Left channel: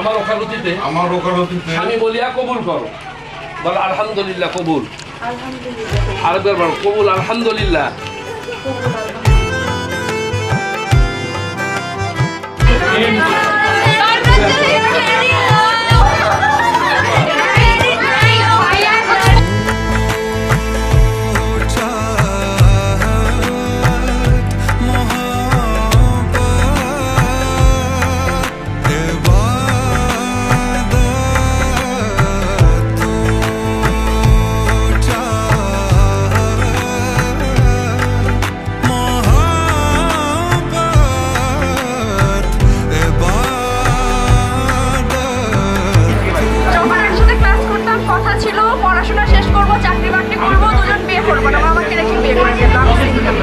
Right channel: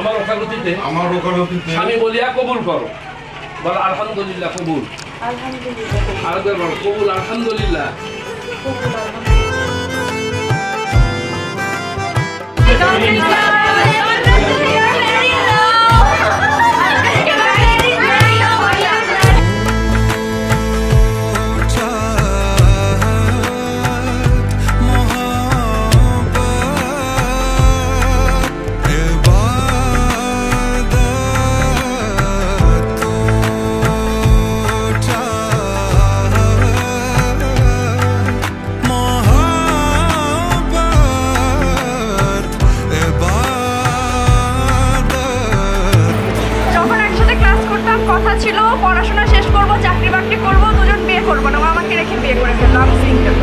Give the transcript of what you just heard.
আমার ওকালতিতে স্বামী বলিয়া কবুল করো। বল আলহামদুলিল্লাহ কবুল। আরেকবার বল কবুল আলহামদুলিল্লাহ। কথা ছিল পড়াশোনা শেষ করব, চাকরি বাকরি করব, দুজন বিয়ে করবো না, আমাকে রেখে বিয়ে করে ফেললাম সিঙ্গেল।